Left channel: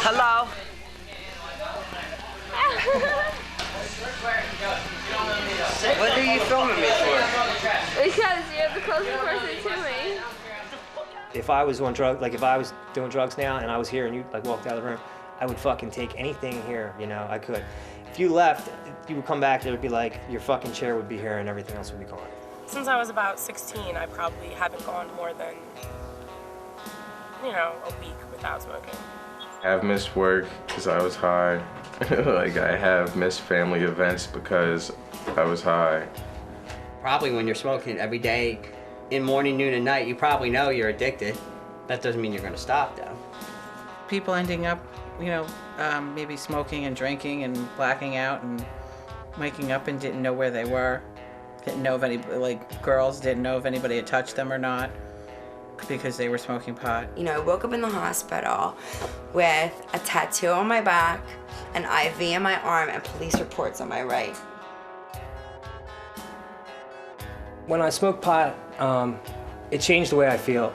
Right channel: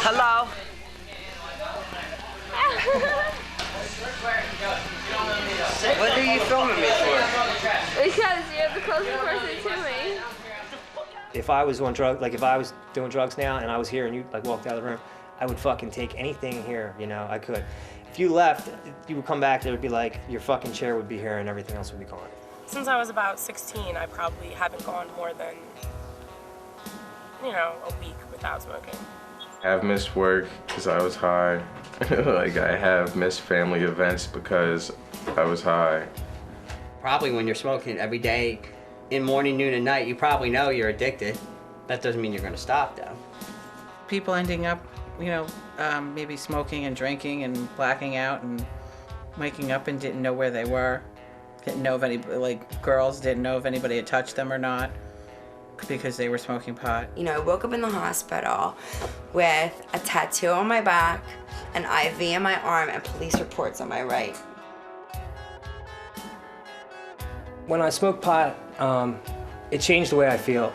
Hello? What are you filming me for? Because you're the closest person to me. If I was on drugs, like if I was doing drugs now and I was here and you like walked out of the room, I would fucking take anything here, you know, I could. If you left, you would come back, there would be like, your fucking chair would be here and everything else would be gone. Since I was about 16, I probably haven't gone more than, you know, a week without smoking. I've missed work because I was high. Like I have missed family events because I was high. Probably when you're smoking every day, in morning, noon, and night, you probably know you're addicted. That doesn't mean you're gonna stop though. People ending up, you know, maybe smoking and drinking and blacking out and waking up and didn't know where they were. Didn't know if any, like girls didn't know if anybody had touched them or not because they were smoking pot. You know, I woke up in the hospital with a tattoo on my back, an IV in my arm, and police reports on my right. When I smoked pot, it changed the way I felt.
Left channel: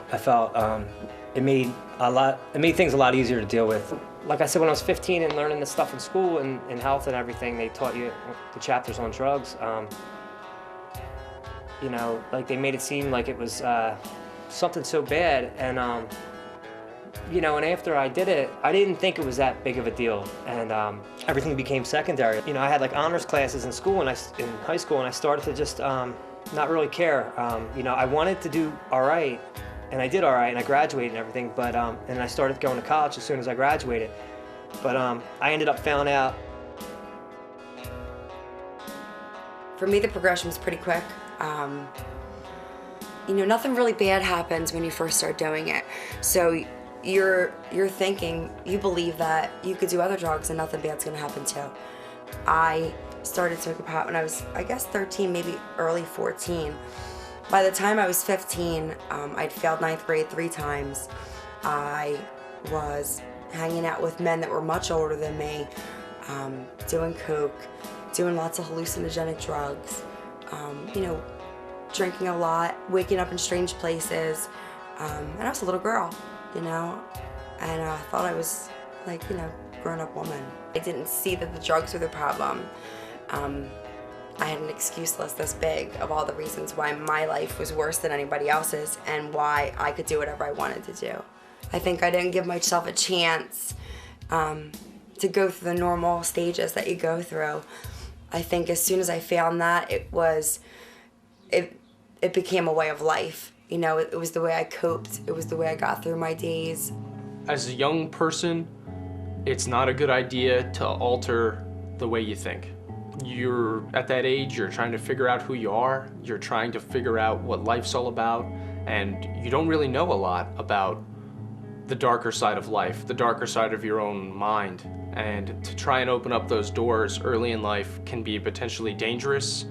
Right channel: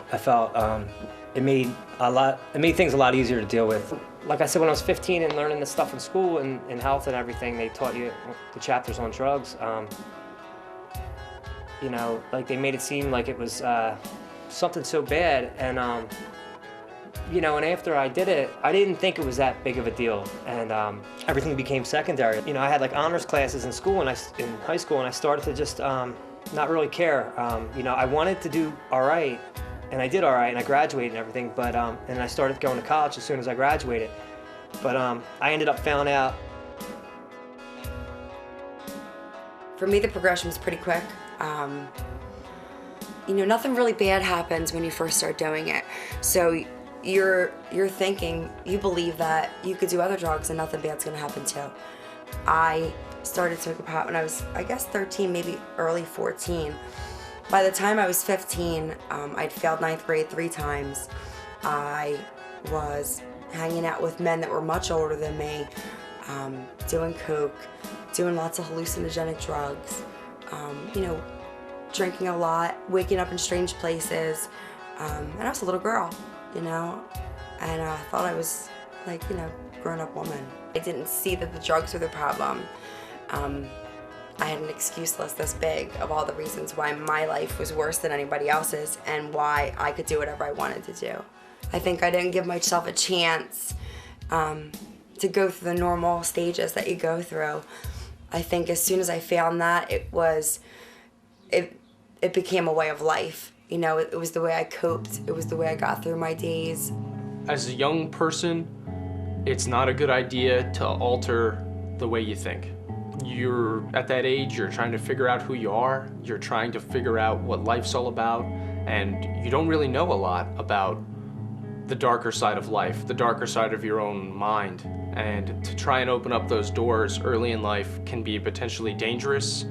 It made things a lot easier to deal with. Like I said, when I was 15 and learning this stuff in school and health and everything, they taught you the chapters on drugs. You know, like they made it seem like it was something so bad, and you know, and after I did it, I didn't think it was that big of a deal, and everything became secondary. You know, I had like honors classes in school in high school, and I started to just not really care. You know, I wanted to do all right, and I did all right, and I graduated and everything, but and I started going to college as soon as I graduated, but I ended up failing out. For me, the progression was pretty quick. You know, nothing really bad happens when you first start doing it. So you're thinking, you believe that you could do other drugs and nothing bad's gonna happen too. I started smoking pot when I was, I guess, 13, maybe early 14. By the time I was 15, I'd failed 9th grade 3 times. I was hanging out with men that were much older than me, doing coke, doing lots of hallucinogenic drugs, you know, drinking a lot, waking up in strange places, and I was a little girl, you know, and I thought I was like, you know, grown-up woman. I didn't see that the drugs were the problem. I had an excuse list this big of all the reasons why my life was worse than anybody else's and why I could do whatever I wanted to do. I think I didn't give myself a chance to go through the normal stages that you go through. I think as soon as I found that, it became a way of life. You know, it was the way I coped. It was the way I got through my days. As a young person, it's not a good idea to alter the way you think. You're at that age, you're trying to figure out who you are, you're trying to figure out what life's all about, and you don't really know a lot about the darker side of life, the darker side of your own mind. And to try and open up those doors early in life can be potentially dangerous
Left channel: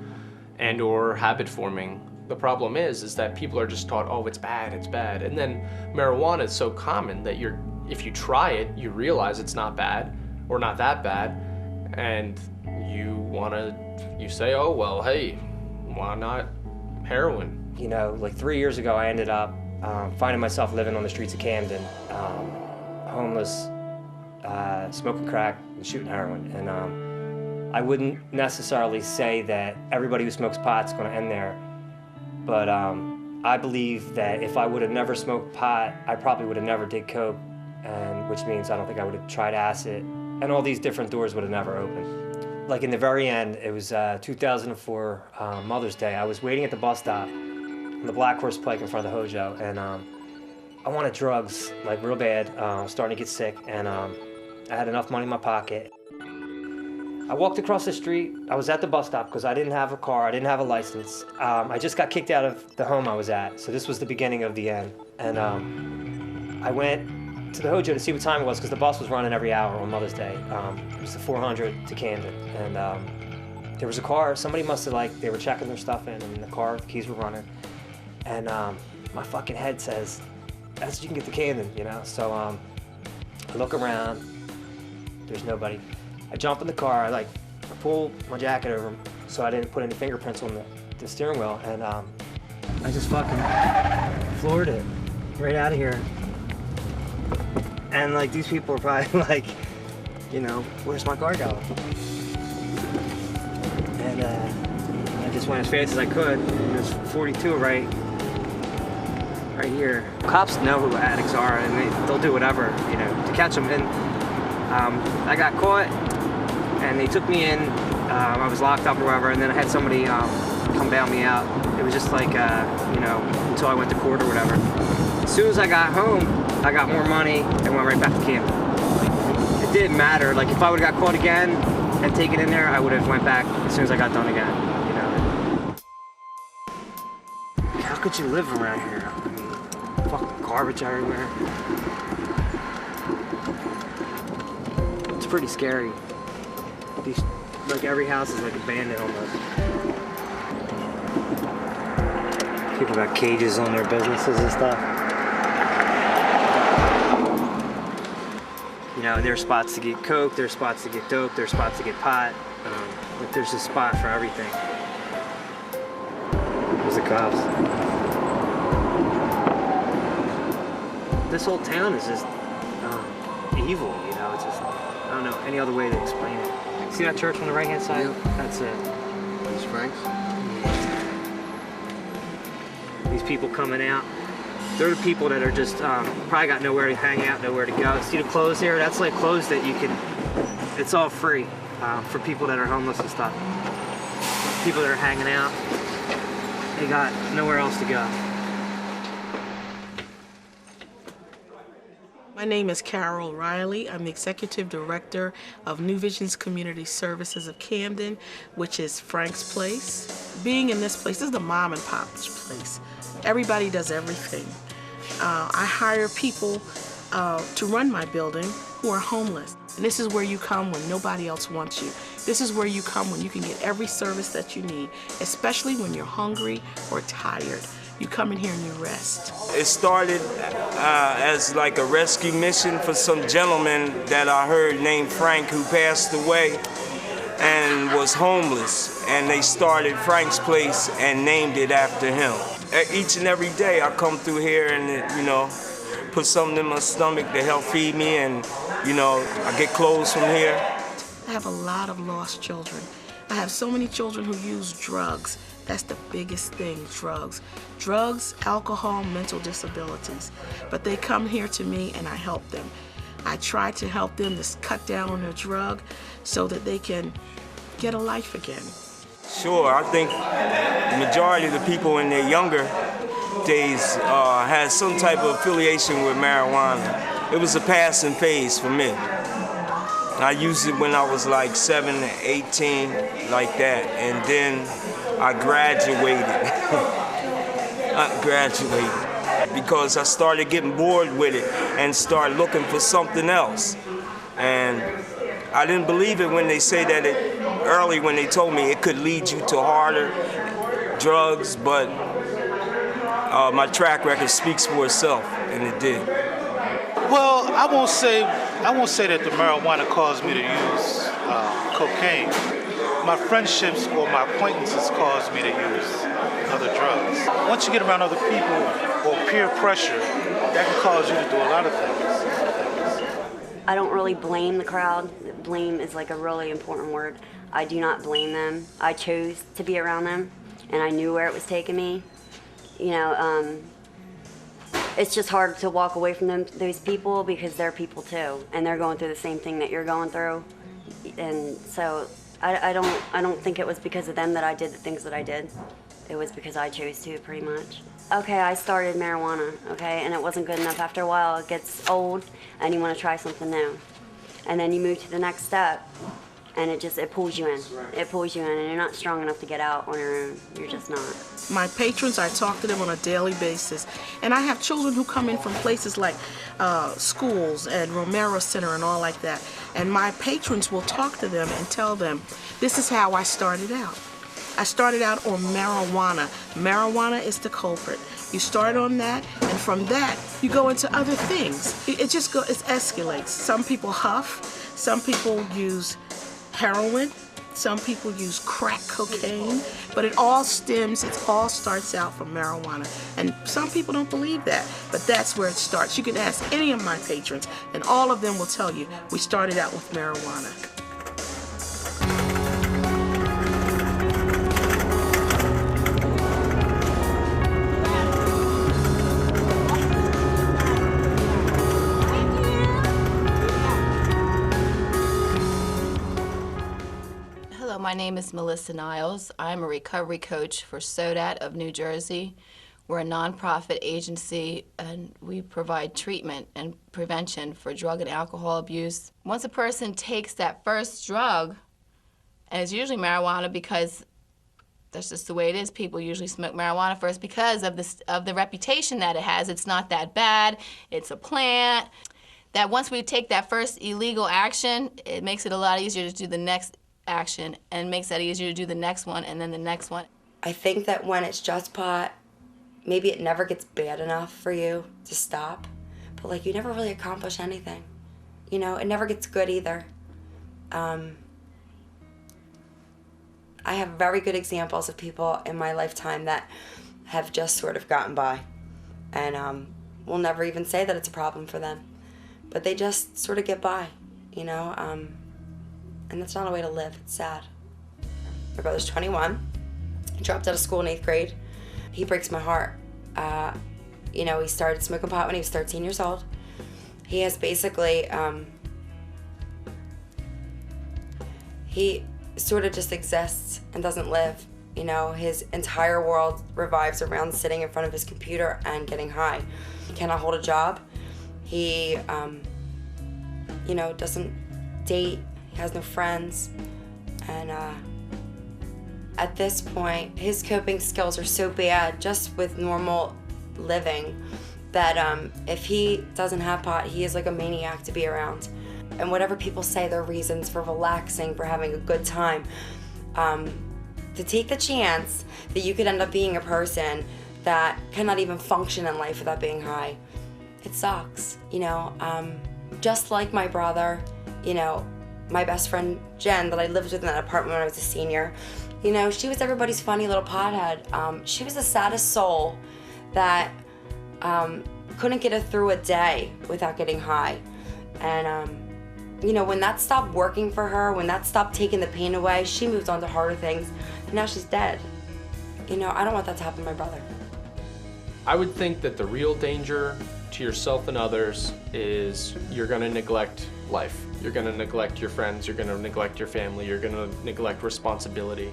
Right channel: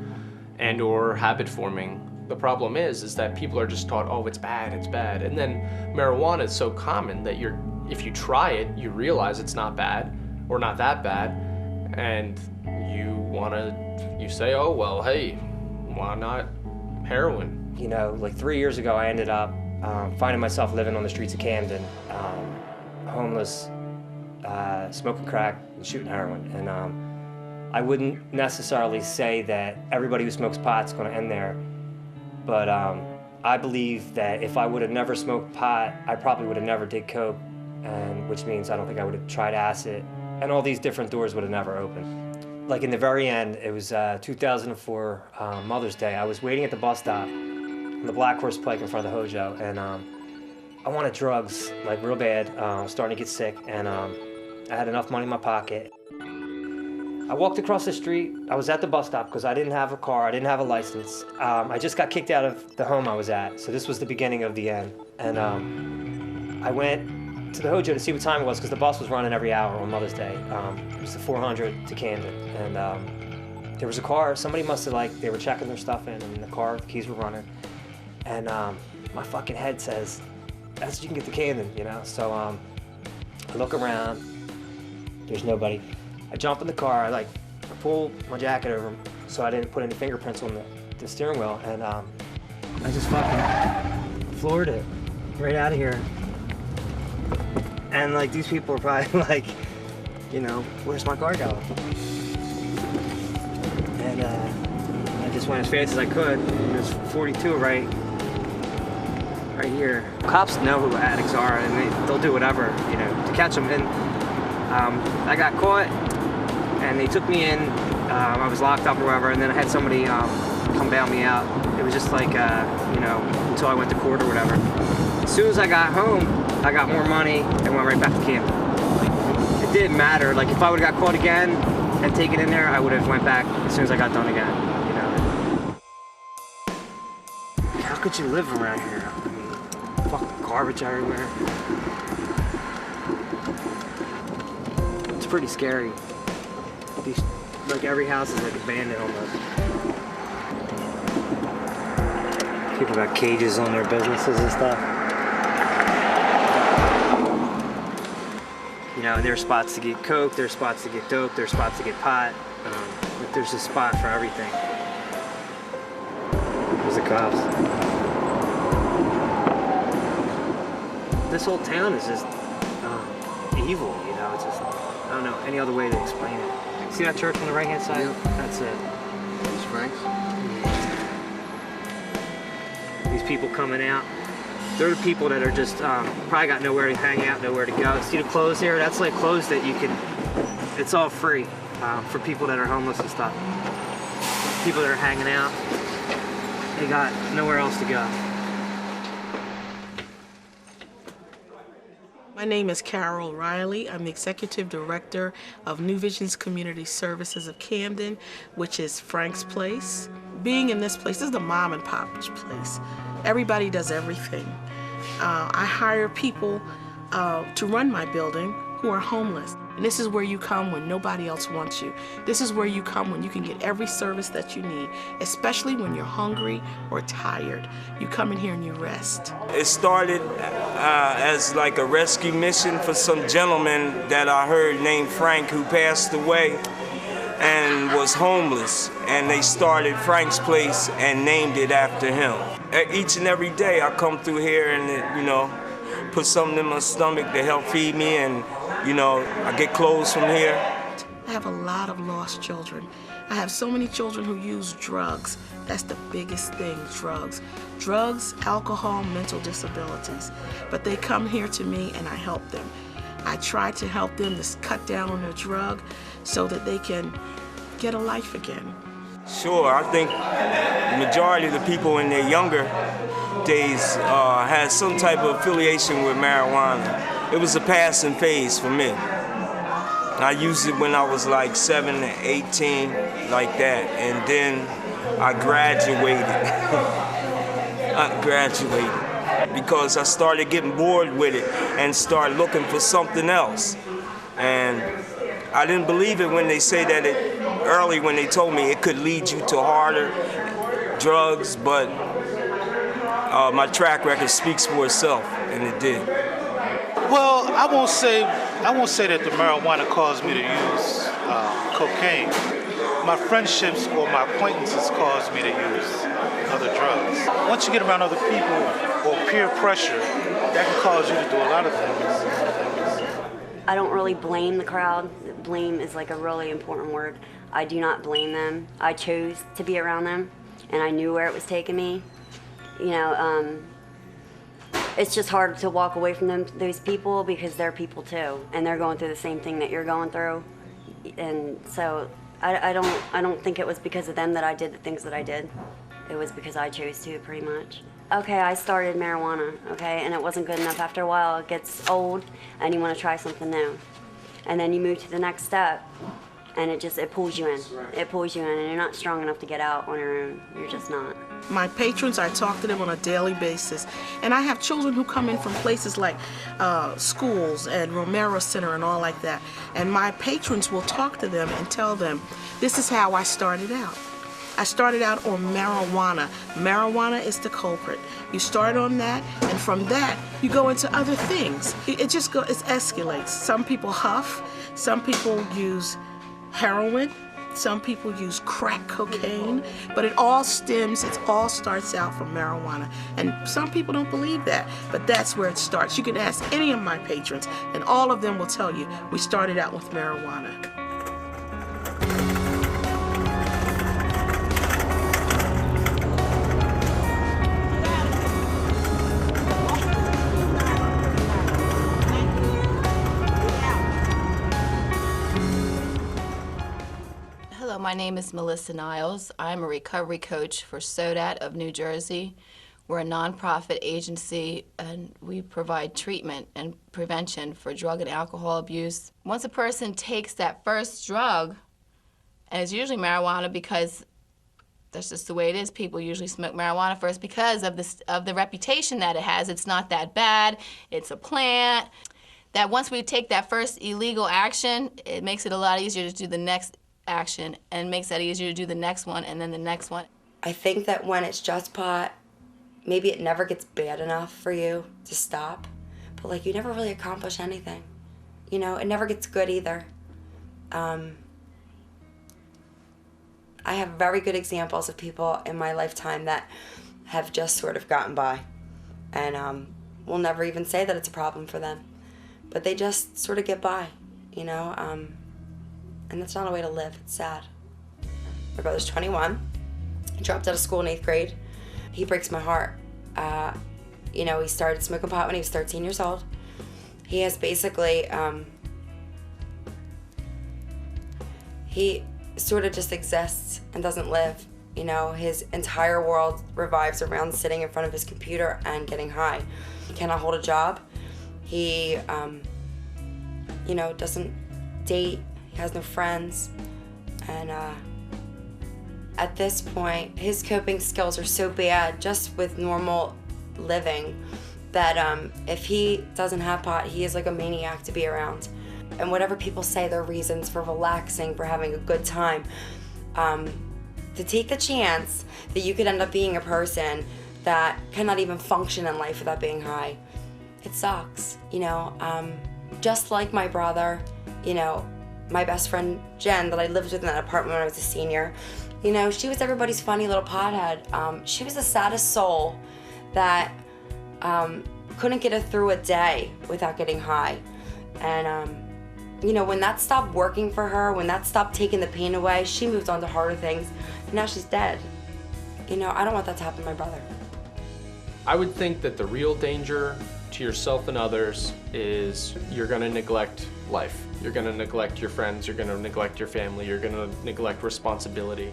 and or habit forming. The problem is that people are just taught, oh, it's bad, it's bad. And then marijuana is so common that if you try it, you realize it's not bad or not that bad. And you say, oh, well, hey, why not heroin? You know, like 3 years ago, I ended up finding myself living on the streets of Camden, homeless, smoking crack and shooting heroin. And I wouldn't necessarily say that everybody who smokes pot is going to end there, but I believe that if I would have never smoked pot, I probably would have never did coke, and which means I don't think I would have tried acid, and all these different doors would have never opened. Like in the very end, it was 2004 Mother's Day. I was waiting at the bus stop on the Black Horse Pike in front of the Hojo, and I wanted drugs, like real bad. I was starting to get sick, and I had enough money in my pocket. I walked across the street. I was at the bus stop because I didn't have a car, I didn't have a license. I just got kicked out of the home I was at, so this was the beginning of the end. And I went to the Hojo to see what time it was because the bus was running every hour on Mother's Day. It was the 400 to Camden, and there was a car. Somebody must have they were checking their stuff in, and the keys were running. And my fucking head says, "That's you can get to Camden," you know. So I look around. There's nobody. I jump in the car. I pull my jacket over so I didn't put any fingerprints on the steering wheel, and I just fucking floored it right out of here. And like these people are probably like, you know, where's my car going? And I just went as fast as I could. There's 42 right here. Cops know who addicts are, and they'll do whatever, you know, to catch them. And I got caught, and they took me in. I was locked up or whatever, and then I had somebody come bail me out. It was just like, you know, until I went to court or whatever. As soon as I got home, I got more money and went right back to Camden. It didn't matter. Like if I would have got caught again and taken in there, I would have went back as soon as I got done again. You know. How could you live around here? I mean, fucking garbage everywhere. It's pretty scary. Like every house is like abandoned almost. People got cages on their businesses and stuff. You know, there's spots to get coke, there's spots to get dope, there's spots to get pot. But there's a spot for everything. There's the cops. This whole town is just evil, you know. It's just, I don't know any other way to explain it. See that church on the right hand side? Yep. That's it. These Franks? These people coming out, they're the people that are just probably got nowhere to hang out, nowhere to go. See the clothes here? That's like clothes that you can, it's all free for people that are homeless and stuff. People that are hanging out, they got nowhere else to go. My name is Carol Riley. I'm the Executive Director of New Visions Community Services of Camden, which is Frank's Place. Being in this place, this is the mom and pop place. Everybody does everything. I hire people to run my building who are homeless. And this is where you come when nobody else wants you. This is where you come when you can get every service that you need, especially when you're hungry or tired. You come in here and you rest. It started as like a rescue mission for some gentleman that I heard named Frank who passed away and was homeless. And they started Frank's Place and named it after him. Each and every day I come through here and, you know, put something in my stomach to help feed me, and, you know, I get clothes from here. I have a lot of lost children. I have so many children who use drugs. That's the biggest thing, drugs. Drugs, alcohol, mental disabilities. But they come here to me and I help them. I try to help them to cut down on their drug so that they can get a life again. Sure, I think the majority of the people in their younger days had some type of affiliation with marijuana. It was a passing phase for me. I used it when I was like 7 to 18, like that, and then I graduated. Because I started getting bored with it and started looking for something else. And I didn't believe it when they say that early when they told me it could lead you to harder drugs, but my track record speaks for itself, and it did. Well, I won't say that the marijuana caused me to use cocaine. My friendships or my acquaintances caused me to use other drugs. Once you get around other people or peer pressure, that can cause you to do a lot of things. I don't really blame the crowd. Blame is like a really important word. I do not blame them. I chose to be around them, and I knew where it was taking me. You know, it's just hard to walk away from those people because they're people too, and they're going through the same thing that you're going through. And so I don't think it was because of them that I did the things that I did. It was because I chose to, pretty much. Okay, I started marijuana, okay, and it wasn't good enough. After a while, it gets old, and you want to try something new. And then you move to the next step, and it pulls you in. It pulls you in, and you're not strong enough to get out on your own. You're just not. My patrons, I talk to them on a daily basis. And I have children who come in from places like schools and Romero Center and all like that. And my patrons will talk to them and tell them, this is how I started out. I started out on marijuana. Marijuana is the culprit. You start on that, and from that, you go into other things. It escalates. Some people huff. Some people use heroin. Some people use crack cocaine, but it all starts out from marijuana. And some people don't believe that, but that's where it starts. You can ask any of my patrons, and all of them will tell you we started out with marijuana. My name is Melissa Niles. I'm a recovery coach for SODAT of New Jersey. We're a nonprofit agency and we provide treatment and prevention for drug and alcohol abuse. Once a person takes that first drug, and it's usually marijuana because that's just the way it is. People usually smoke marijuana first because of the reputation that it has. It's not that bad. It's a plant. That once we take that first illegal action, it makes it a lot easier to do the next action and makes that easier to do the next one and then the next one. I think that when it's just pot, maybe it never gets bad enough for you to stop, but like you never really accomplish anything. You know, it never gets good either. I have very good examples of people in my lifetime that have just sort of gotten by and will never even say that it's a problem for them, but they just sort of get by, you know. And that's not a way to live. It's sad. My brother's 21. He dropped out of school in 8th grade. He breaks my heart. You know, he started smoking pot when he was 13 years old. He has basically, he sort of just exists and doesn't live. You know, his entire world revolves around sitting in front of his computer and getting high. He cannot hold a job. He, you know, doesn't date. He has no friends, and at this point, his coping skills are so bad just with normal living that if he doesn't have pot, he is like a maniac to be around. And whatever people say their reasons for relaxing, for having a good time, to take the chance that you could end up being a person that cannot even function in life without being high, it sucks, you know. Just like my brother, you know, my best friend Jen that I lived with in that apartment when I was a senior, you know, she was everybody's funny little pothead. She was the saddest soul that couldn't get her through a day without getting high. And you know, when that stopped working for her, when that stopped taking the pain away, she moved on to harder things. Now she's dead. You know, I don't want that to happen to my brother. I would think that the real danger to yourself and others is you're going to neglect life. You're going to neglect your friends. You're going to neglect your family. You're going to neglect responsibility.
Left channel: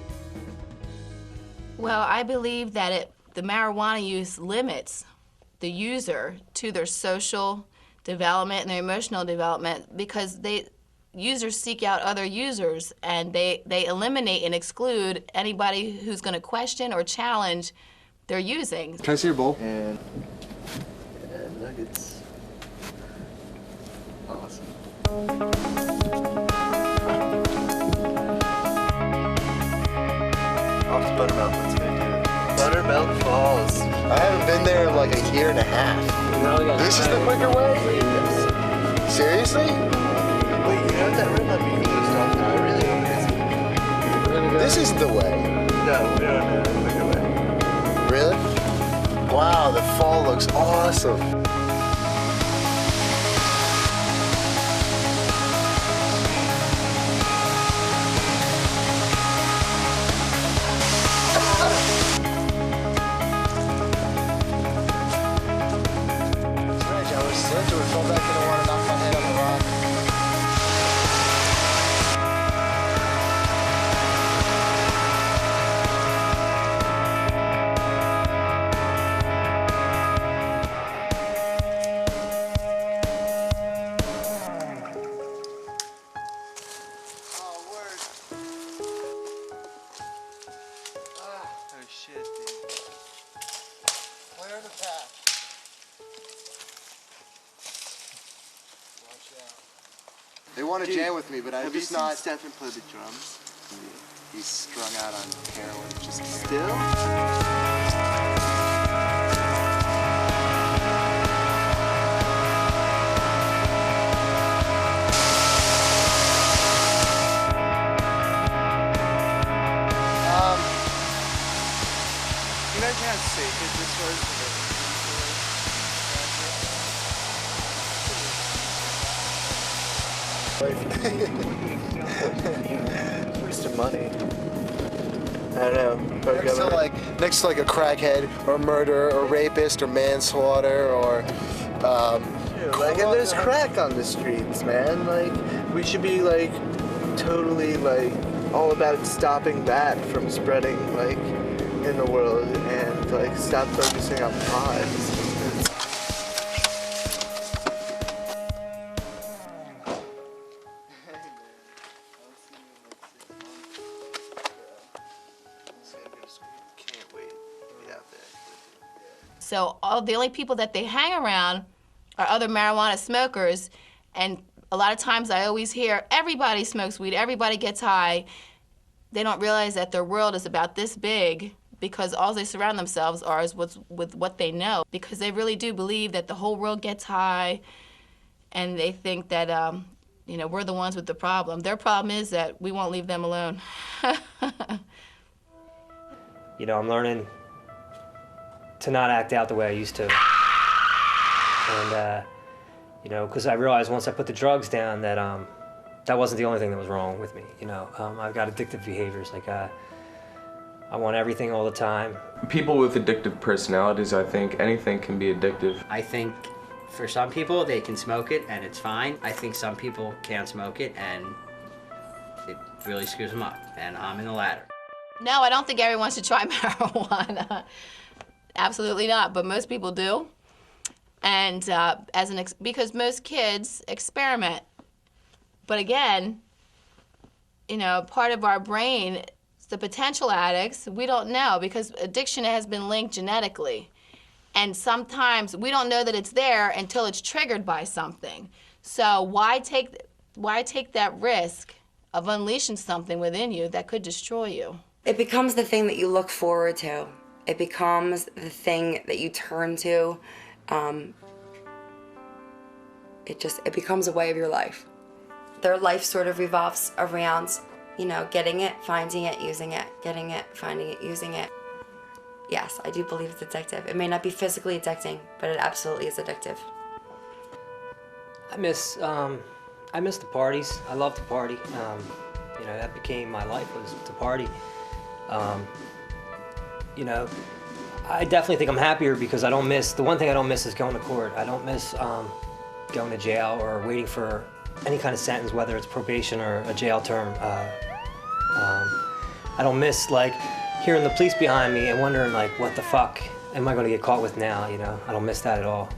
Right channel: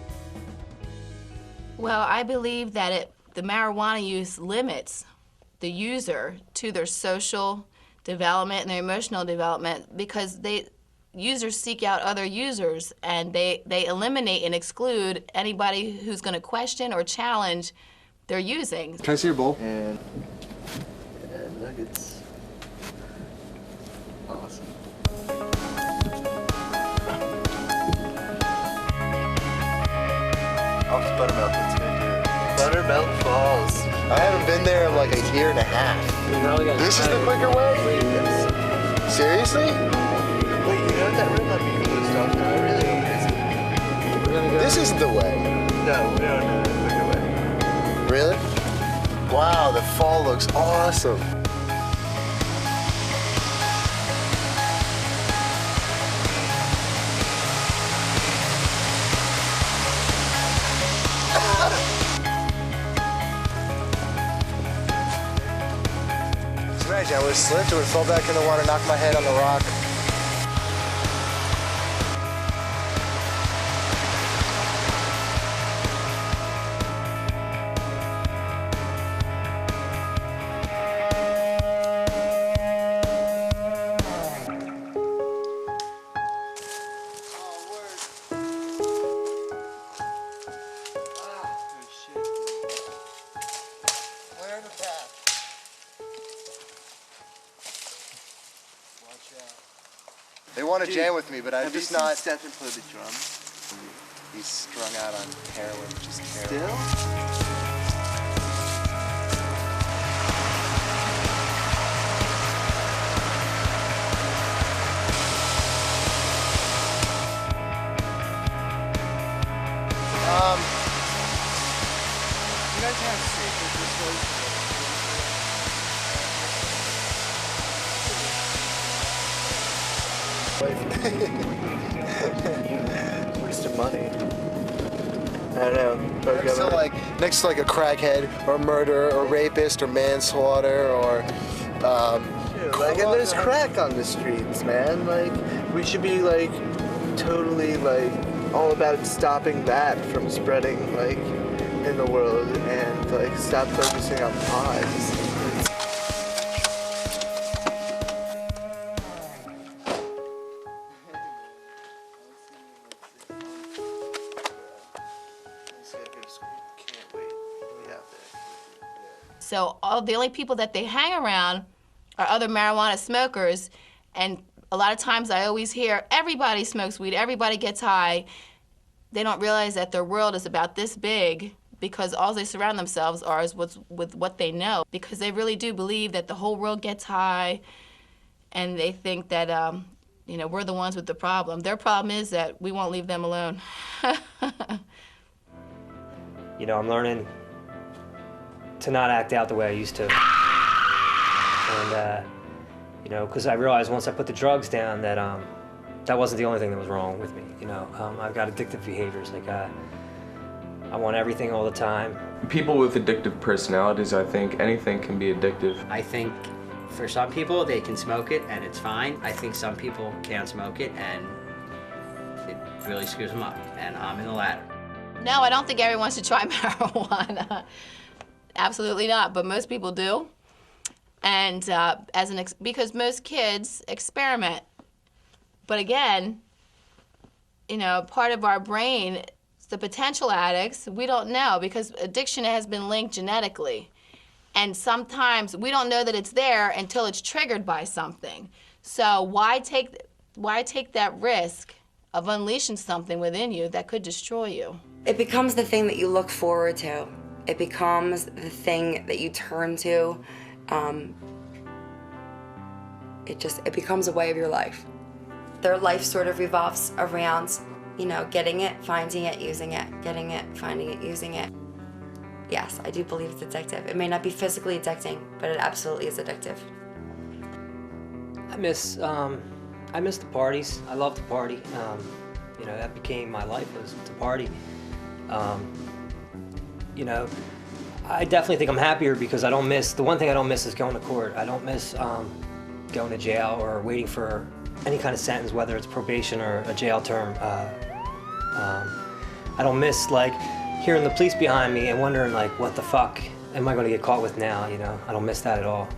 Well, I believe that the marijuana use limits the user to their social development and their emotional development because users seek out other users and they eliminate and exclude anybody who's going to question or challenge their using. Can I see your bowl? And nuggets. Awesome. Butterbelt Falls. I haven't been there in like a year and a half. This is the quicker way? Seriously? Wait, you have that room that we stuff now? Really? This is the way. No, we don't have the quicker way. Really? Wow, the fall looks awesome. I was slipped and fell back in the water, knocked my head on the rock. They want to jam with me, but I'm just not. Stephen play the drums? He's strung out on heroin, just still. Wasting money. I don't know. Next to like a crackhead or murderer or rapist or manslaughter or and there's crack on the streets, man. Like we should be like totally like all about stopping that from spreading like in the world and like stop focusing on crimes. So the only people that they hang around are other marijuana smokers, and a lot of times I always hear everybody smokes weed, everybody gets high. They don't realize that their world is about this big because all they surround themselves are is with what they know, because they really do believe that the whole world gets high, and they think that we're the ones with the problem. Their problem is that we won't leave them alone. I'm learning to not act out the way I used to. And, because I realized once I put the drugs down that that wasn't the only thing that was wrong with me. I've got addictive behaviors. Like, I want everything all the time. People with addictive personalities, I think anything can be addictive. I think for some people, they can smoke it and it's fine. I think some people can't smoke it and it really screws them up. And I'm in the latter. No, I don't think everyone should try marijuana. Absolutely not, but most people do. And because most kids experiment. But again, part of our brain, the potential addicts, we don't know, because addiction has been linked genetically. And sometimes we don't know that it's there until it's triggered by something. So why take that risk of unleashing something within you that could destroy you? It becomes the thing that you look forward to. It becomes the thing that you turn to. It becomes a way of your life. Their life sort of revolves around, getting it, finding it, using it, getting it, finding it, using it. Yes, I do believe it's addictive. It may not be physically addicting, but it absolutely is addictive. I miss the parties. I love to party. That became my life, was to party. I definitely think I'm happier because I don't miss, the one thing I don't miss is going to court. I don't miss going to jail or waiting for any kind of sentence, whether it's probation or a jail term. I don't miss hearing the police behind me and wondering what the fuck am I going to get caught with now? I don't miss that at all.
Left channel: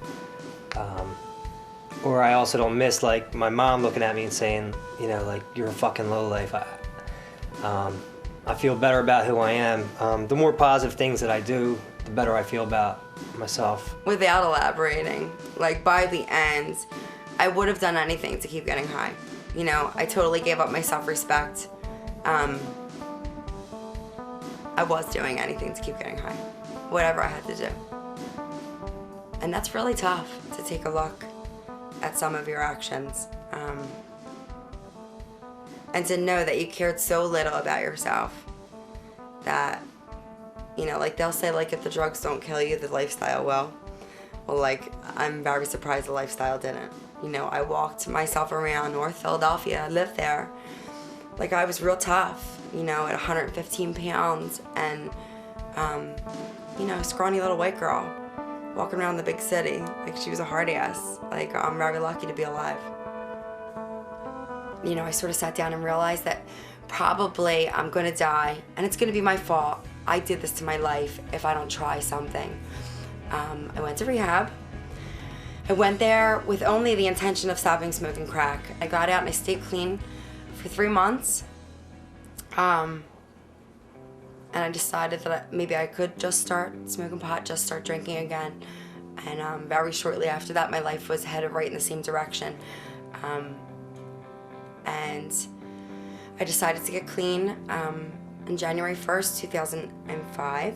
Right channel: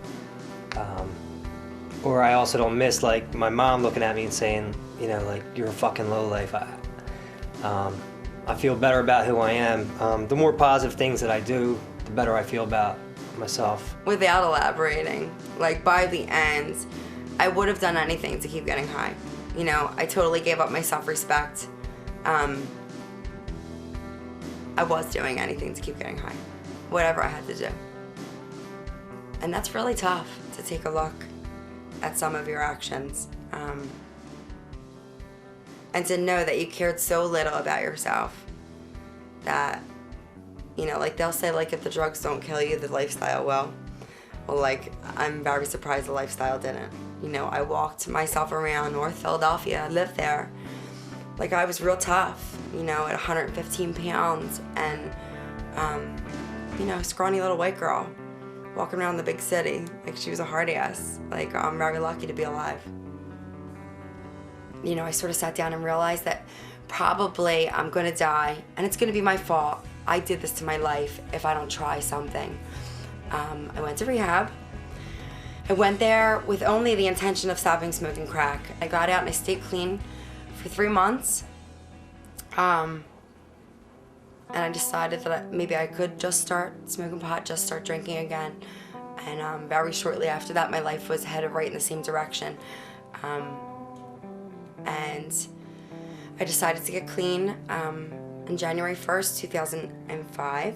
Or I also don't miss my mom looking at me and saying, you're a fucking lowlife. I feel better about who I am. The more positive things that I do, the better I feel about myself. Without elaborating, by the end, I would have done anything to keep getting high. I totally gave up my self-respect. I was doing anything to keep getting high, whatever I had to do. And that's really tough to take a look at some of your actions. And to know that you cared so little about yourself that, they'll say, if the drugs don't kill you, the lifestyle will. Well, I'm very surprised the lifestyle didn't. I walked myself around North Philadelphia, I lived there. I was real tough, at 115 pounds and, scrawny little white girl walking around the big city like she was a hard ass. I'm very lucky to be alive. I sort of sat down and realized that probably I'm gonna die and it's gonna be my fault. I did this to my life if I don't try something. I went to rehab. I went there with only the intention of stopping smoking crack. I got out and I stayed clean for 3 months. And I decided that maybe I could just start smoking pot, just start drinking again. And very shortly after that, my life was headed right in the same direction. And I decided to get clean on January 1st, 2005.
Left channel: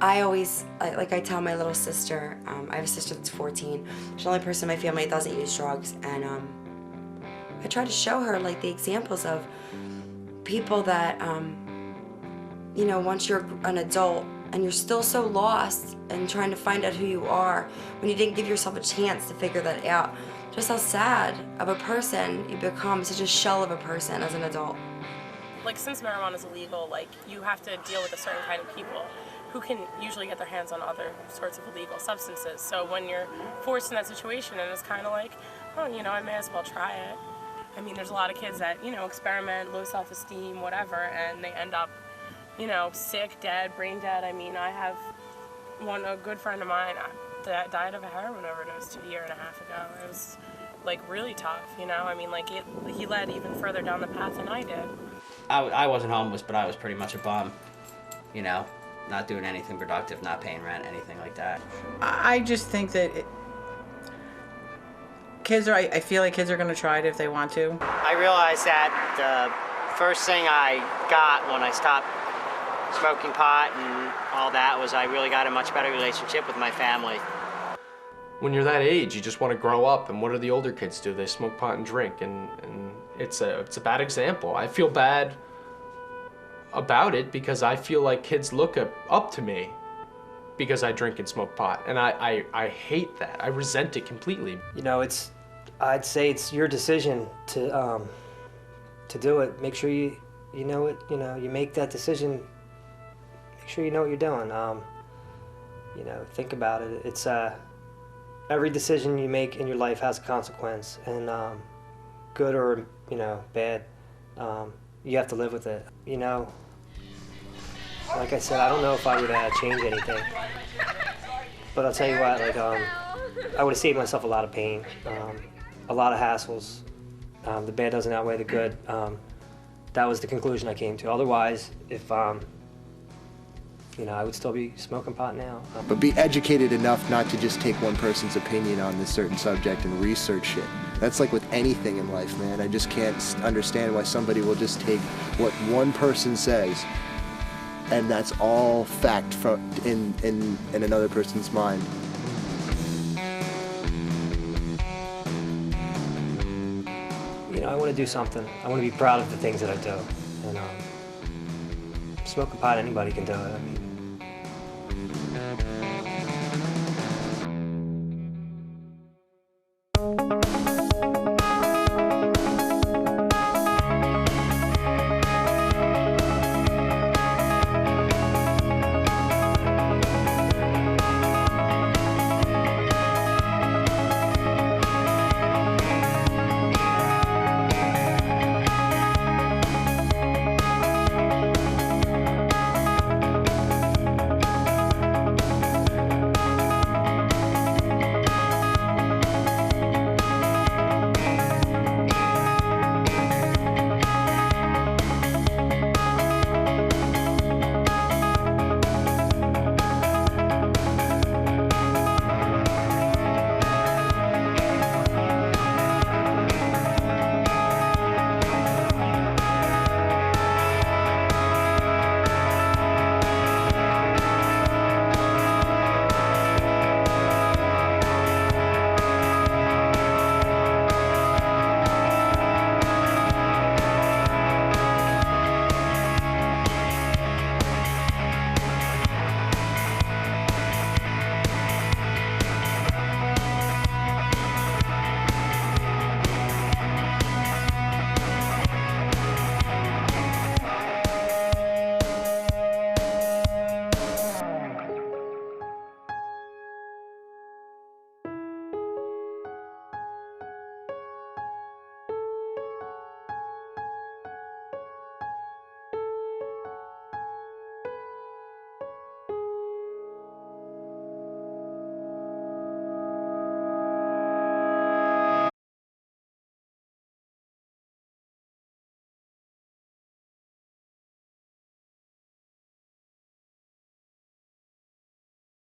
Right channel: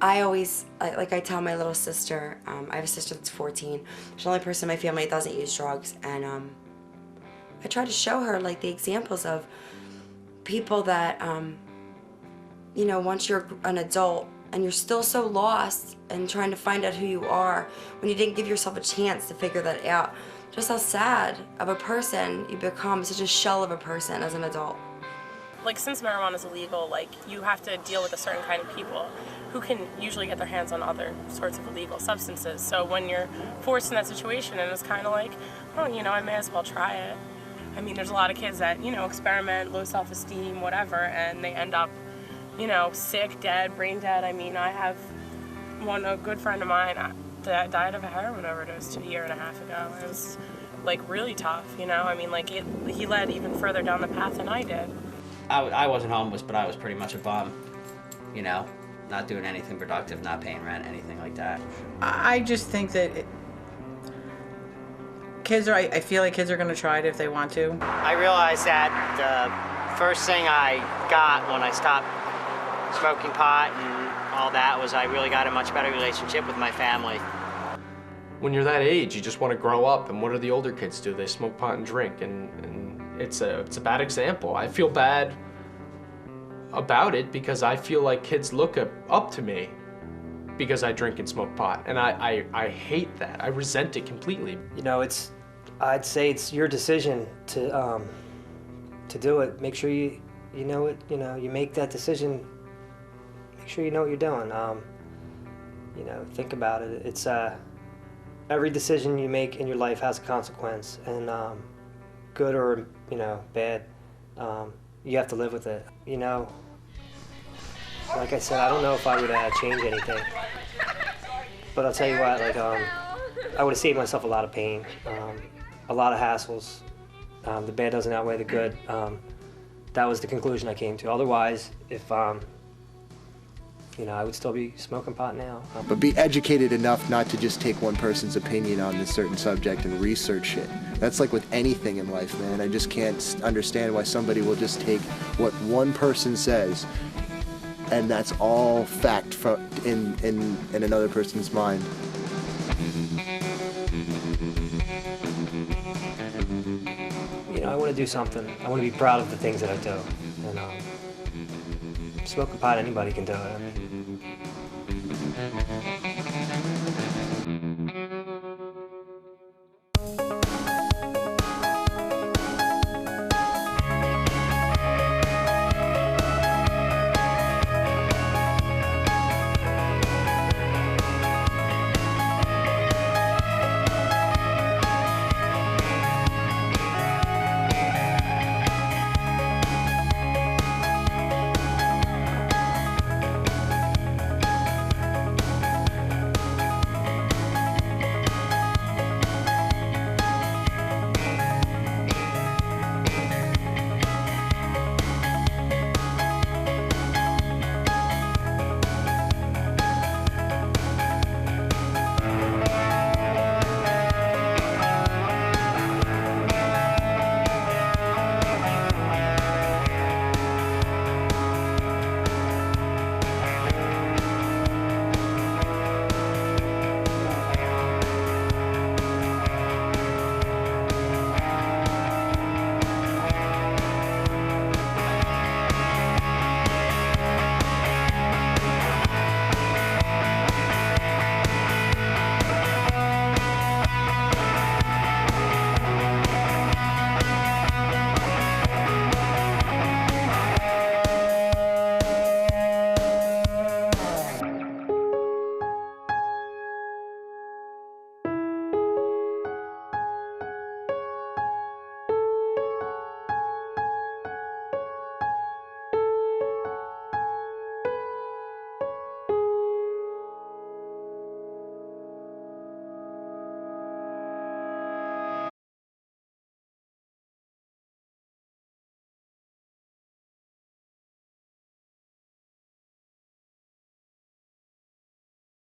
I always, I tell my little sister, I have a sister that's 14. She's the only person in my family that doesn't use drugs. And I try to show her the examples of people that, once you're an adult, and you're still so lost and trying to find out who you are when you didn't give yourself a chance to figure that out. Just how sad of a person you become, such a shell of a person as an adult. Like, since marijuana is illegal, like, you have to deal with a certain kind of people who can usually get their hands on other sorts of illegal substances. So when you're forced in that situation, and it's kind of like, oh, you know, I may as well try it. I mean, there's a lot of kids that, you know, experiment, low self-esteem, whatever, and they end up, you know, sick, dead, brain dead. I mean, I have a good friend of mine that died of a heroin overdose 2.5 years ago. It was, like, really tough, you know? I mean, like, he led even further down the path than I did. I wasn't homeless, but I was pretty much a bum, you know? Not doing anything productive, not paying rent, anything like that. I just think that I feel like kids are gonna try it if they want to. I realized that the first thing I got when I stopped smoking pot and all that was I really got a much better relationship with my family. When you're that age, you just want to grow up, and what do the older kids do? They smoke pot and drink, and it's a bad example. I feel bad about it because I feel like kids look up to me because I drink and smoke pot, and I hate that. I resent it completely. You know, I'd say it's your decision to do it. Make sure you know it. You know, you make that decision. Make sure you know what you're doing. You know, think about it. It's every decision you make in your life has a consequence, and good or, you know, bad, you have to live with it. You know, like I said, I don't know if I would change anything, but I'll tell you what, like, I would have saved myself a lot of pain, a lot of hassles. The bad doesn't outweigh the good. That was the conclusion I came to. Otherwise, if you know, I would still be smoking pot now. But be educated enough not to just take one person's opinion on this certain subject and research it. That's like with anything in life, man. I just can't understand why somebody will just take what one person says, and that's all fact from in another person's mind. You know, I want to do something. I want to be proud of the things that I do. And smoking pot, anybody can do it. I mean,